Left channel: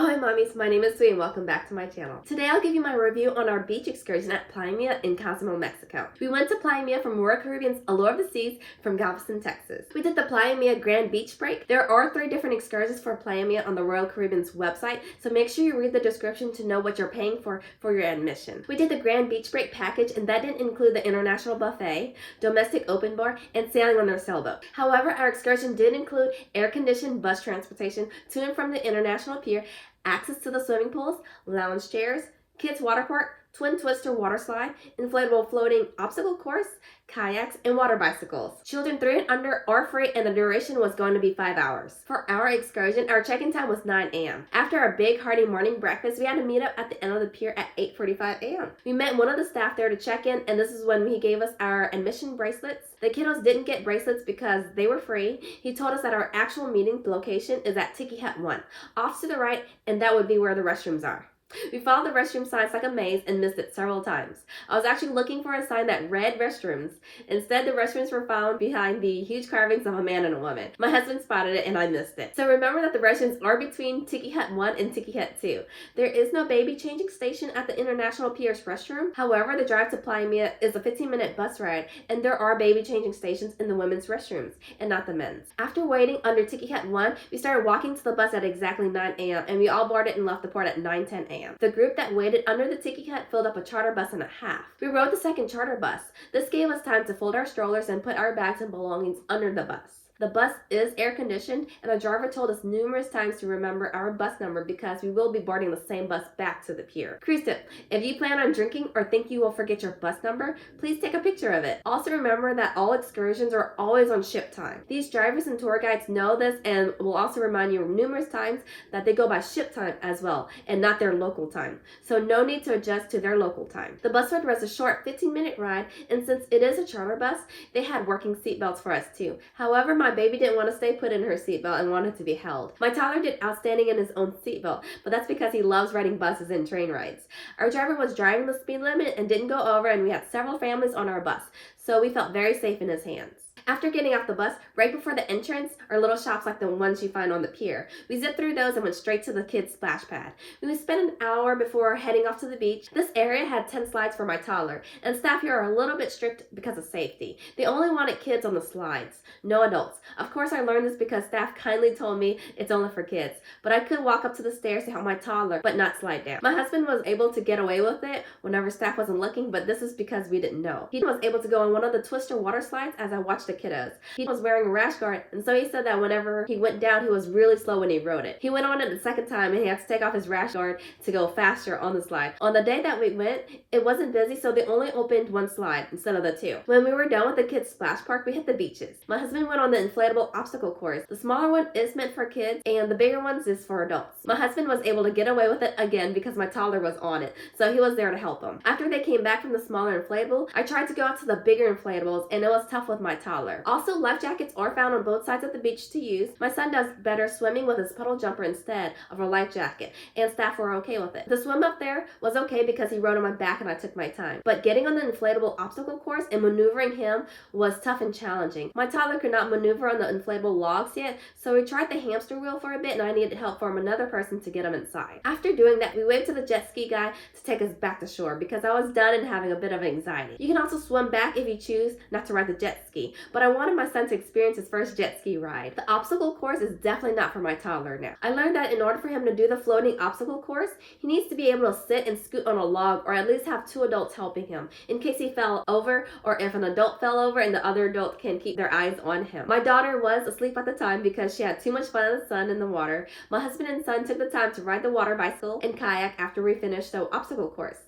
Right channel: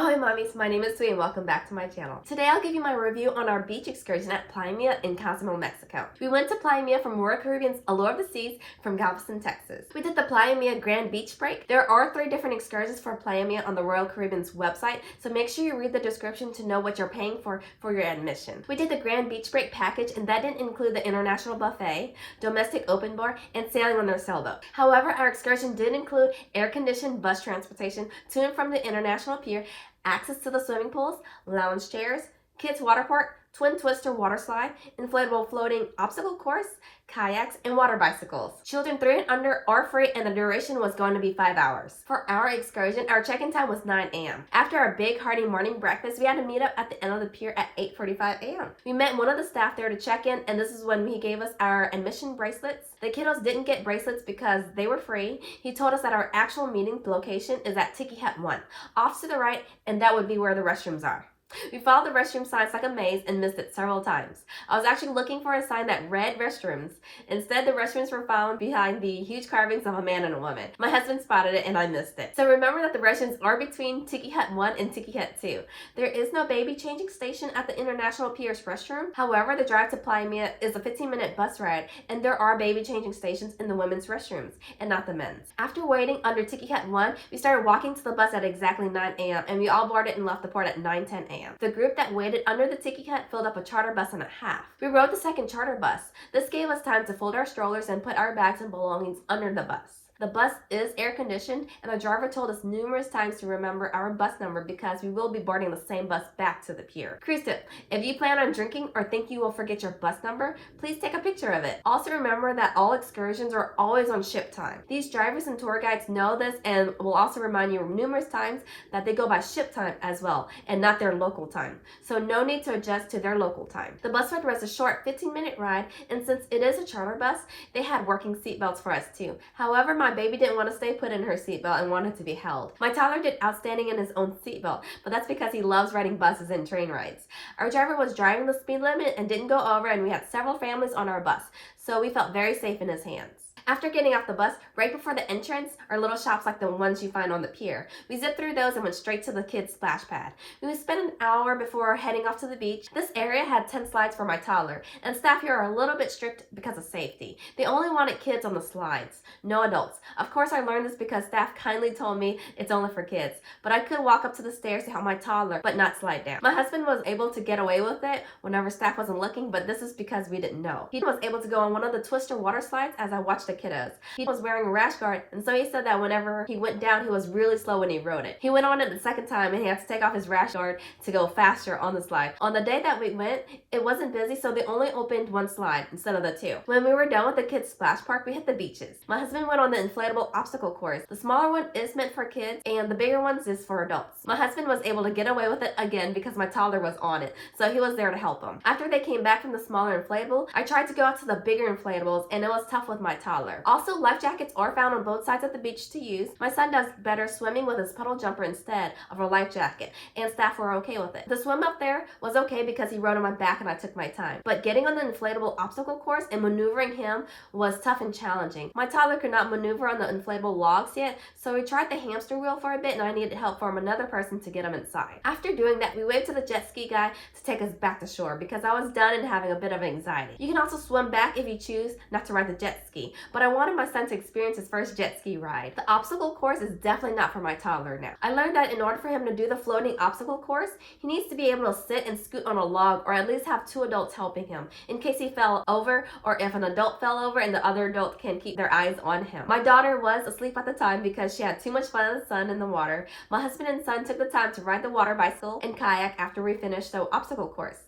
Oh, hi mommies, my name is Sue and welcome back to my channel. Today I'll give you my review on our beach excursion at Playa Mia in COZUMEL, Mexico. We went to Playa Mia from Royal Caribbean's Allure of the Seas from Galveston, Texas. We did the Playa Mia Grand Beach Break. There are 3 different excursions for Playa Mia on the Royal Caribbean's website, so make sure you read the description to know what you're paying for your admission. We did the Grand Beach Break package, and that didn't include the international buffet, domestic open bar, and sailing on their sailboat. However, our excursion did include air-conditioned bus transportation to and from the International Pier, access to the swimming pools, lounge chairs, kids water park, twin twister water slide, inflatable floating obstacle course, kayaks, and water bicycles. Children 3 and under are free, and the duration was going to be 5 hours. For our excursion, our check-in time was 9 a.m. After our big hearty morning breakfast, we had to meet up at the end of the pier at 8:45 a.m. We met one of the staff there to check in, and this is when he gave us our admission bracelets. The kiddos didn't get bracelets because they were free. He told us that our actual meeting location is at Tiki Hut 1, off to the right, and that would be where the restrooms are. We followed the restroom signs like a maze and missed it several times. I was actually looking for a sign that read restrooms. Instead, the restrooms were found behind the huge carvings of a man and a woman. My husband spotted it and I missed it. So remember that the restrooms are between Tiki Hut 1 and Tiki Hut 2. There is no baby changing station at the International Pier's restroom. However, the drive to Playa Mia is a 15-minute bus ride, and there are baby changing stations in the women's restrooms and not the men's. After waiting under Tiki Hut 1, we started walking to the bus at exactly 9 a.m. and we all boarded and left the port at 9:10 a.m. The group that waited under the Tiki Hut filled up a charter bus and a half. We rode the second charter bus. This gave us time to fold our strollers and put our bags and belongings under the bus. The bus is air conditioned, and the driver told us numerous times to remember our bus number because we will be boarding the same bus back to the pier. Cruise tip: if you plan on drinking or think you will forget your bus number, please take a picture of it. Also remember that all excursions are always on ship time. These drivers and tour guides know this and will also remind you numerous times that they go by ship time as well and not their local time. So no need to adjust to their local time. The bus ride was a short 15-minute ride, and since it is a charter bus, they had working seatbelts for us too. However, my baby didn't want to stay put in her seatbelt and wanted to be held. My toddler did outstanding in his own seatbelt, but that's because he loves riding buses and train rides. Our driver was driving the speed limit and didn't go over, and we had several families on our bus, so we felt very safe in his hands. After getting off the bus, right before the entrance are little shops like the ones you find on the pier. We zipped through those and went straight to the kids' splash pad. We would spend an hour before heading off to the beach. This area had 10 slides for my toddler, and staff here are a little bit strict because of safety. They only wanted kids on the slides, no adults. Of course, I learned this because staff kindly told me it's only for kids, but I could walk up to the stairs to help my toddler, but not slide down. My husband was able to get away with it whenever staff wasn't looking, but this is because we didn't know. He was able to go on one of the twister water slides as I watched the kiddos. He was wearing a rash guard, and so he said that whenever he went down, he was really slow when he rode it. He went on it the second time, and he had to take off his rash guard to go faster on the slide. On the day that we went, it wasn't busy, so they only opened 1 slide instead of the 2. When we were done with the kids' splash park, we hit the beaches. My husband went on the inflatable obstacle course. The smaller one is meant for kids, and the bigger ones is for adults. My husband was able to get away with it again because my toddler was on it, so he was there to help him. After they came back from the smaller inflatable, I tried to go out to the bigger inflatables, and it was tough with my toddler. Also, life jackets are found on both sides of the beach to use. My son does better swimming with his puddle jumper instead of a life jacket, and staff were okay with it. The swim up there was okay because he rode on my back and I took my time, but getting on the inflatable obstacle course and maneuvering him was tough and challenging. My toddler could not maneuver on the inflatable logs yet, so we tried the hamster wheel for a bit, and I needed help from another person to get him inside. After doing that, we waited to the jet ski guy to take us back to shore because I was done and having a bit of anxiety. You can also swim back if you choose not to ride the jet ski, but I wanted my son to experience his first jet ski ride. The obstacle course is definitely not for my toddler now. I learned that in order for him to do the floating obstacle course, he needs to be able to sit and scoot on a log, or at least have 2 adults helping him in case he fell over, or if an adult fell over and the other adult can keep their eyes on him. My daughter was asleep at the time because she had too much fun in the sun and the water. My husband and son took the time to ride the water bicycle and kayak after we finished the obstacle course.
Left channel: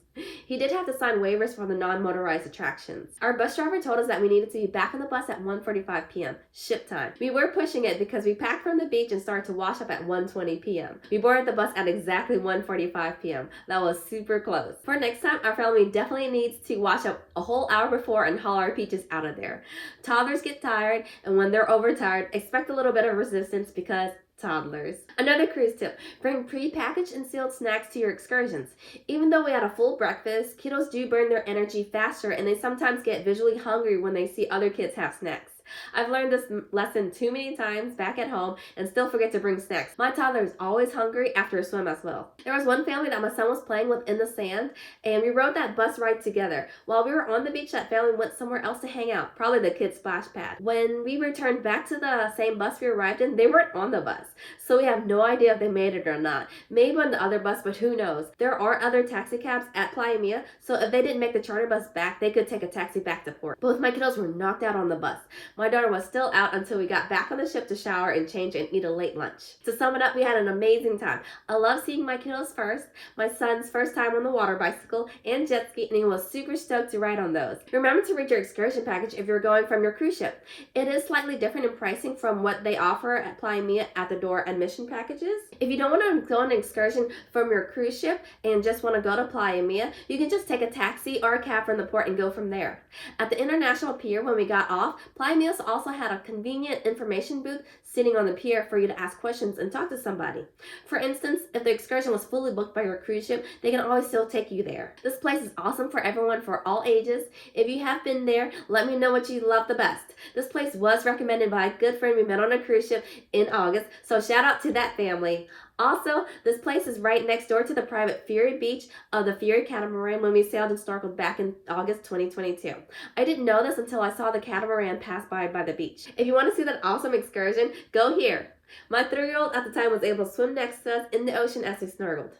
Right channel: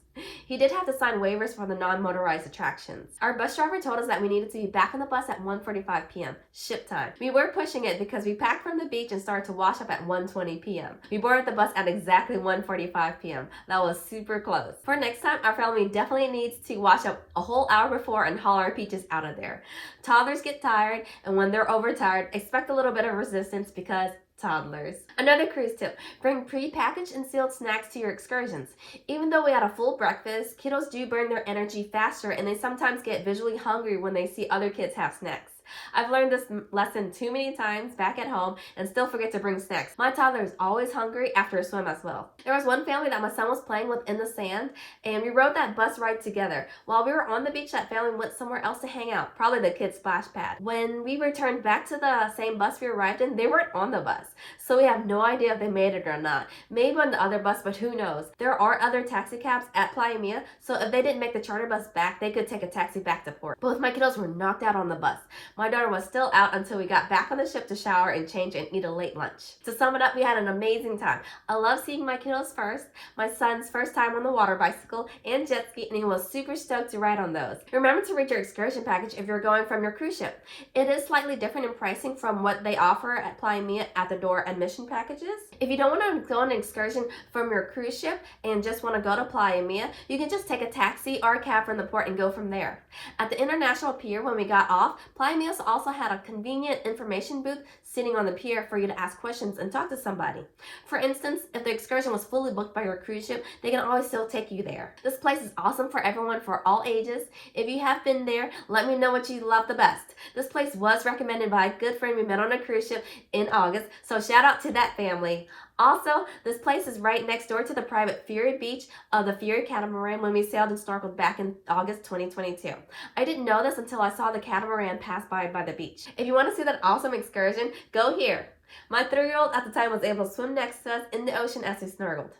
He did have to sign waivers for the non-motorized attractions. Our bus driver told us that we needed to be back on the bus at 1:45 p.m. ship time. We were pushing it because we packed from the beach and started to wash up at 1:20 p.m. We boarded the bus at exactly 1:45 p.m. That was super close. For next time, our family definitely needs to wash up a whole hour before and haul our peaches out of there. Toddlers get tired, and when they're overtired, expect a little bit of resistance because toddlers. Another cruise tip: bring pre-packaged and sealed snacks to your excursions. Even though we had a full breakfast, kiddos do burn their energy faster, and they sometimes get visually hungry when they see other kids have snacks. I've learned this lesson too many times back at home and still forget to bring snacks. My toddler is always hungry after a swim as well. There was one family that my son was playing with in the sand, and we rode that bus ride together. While we were on the beach, that family went somewhere else to hang out, probably the kids' splash pad. When we returned back to the same bus we arrived in, they weren't on the bus. So we have no idea if they made it or not. Maybe on the other bus, but who knows? There are other taxi cabs at Playa Mia, so if they didn't make the charter bus back, they could take a taxi back to port. Both my kiddos were knocked out on the bus. My daughter was still out until we got back on the ship to shower and change and eat a late lunch. To sum it up, we had an amazing time. I love seeing my kiddos first, my son's first time on the water bicycle and jet ski, and he was super stoked to ride on those. Remember to read your excursion package if you're going from your cruise ship. It is slightly different in pricing from what they offer at Playa Mia at the door admission packages. If you don't want to go on an excursion from your cruise ship and just want to go to Playa Mia, you can just take a taxi or a cab from the port and go from there. At the International Pier, when we got off, Playa Mia also had a convenient information booth sitting on the pier for you to ask questions and talk to somebody. For instance, if the excursion was fully booked by your cruise ship, they can always still take you there. This place is awesome for everyone, for all ages. If you have been there, let me know what you love the best. This place was recommended by a good friend we met on a cruise ship in August, so shout out to that family. Also, this place is right next door to the private ferry beach of the ferry catamaran when we sailed and snorkeled back in August 2022. I didn't know this until I saw the catamaran pass by the beach. If you want to see that awesome excursion, go here. My 3-year-old at the time was able to swim next to us in the ocean as we snorkeled.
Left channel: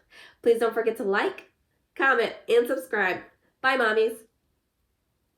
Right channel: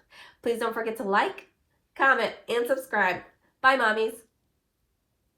Please don't forget to like, comment, and subscribe. Bye, mommies.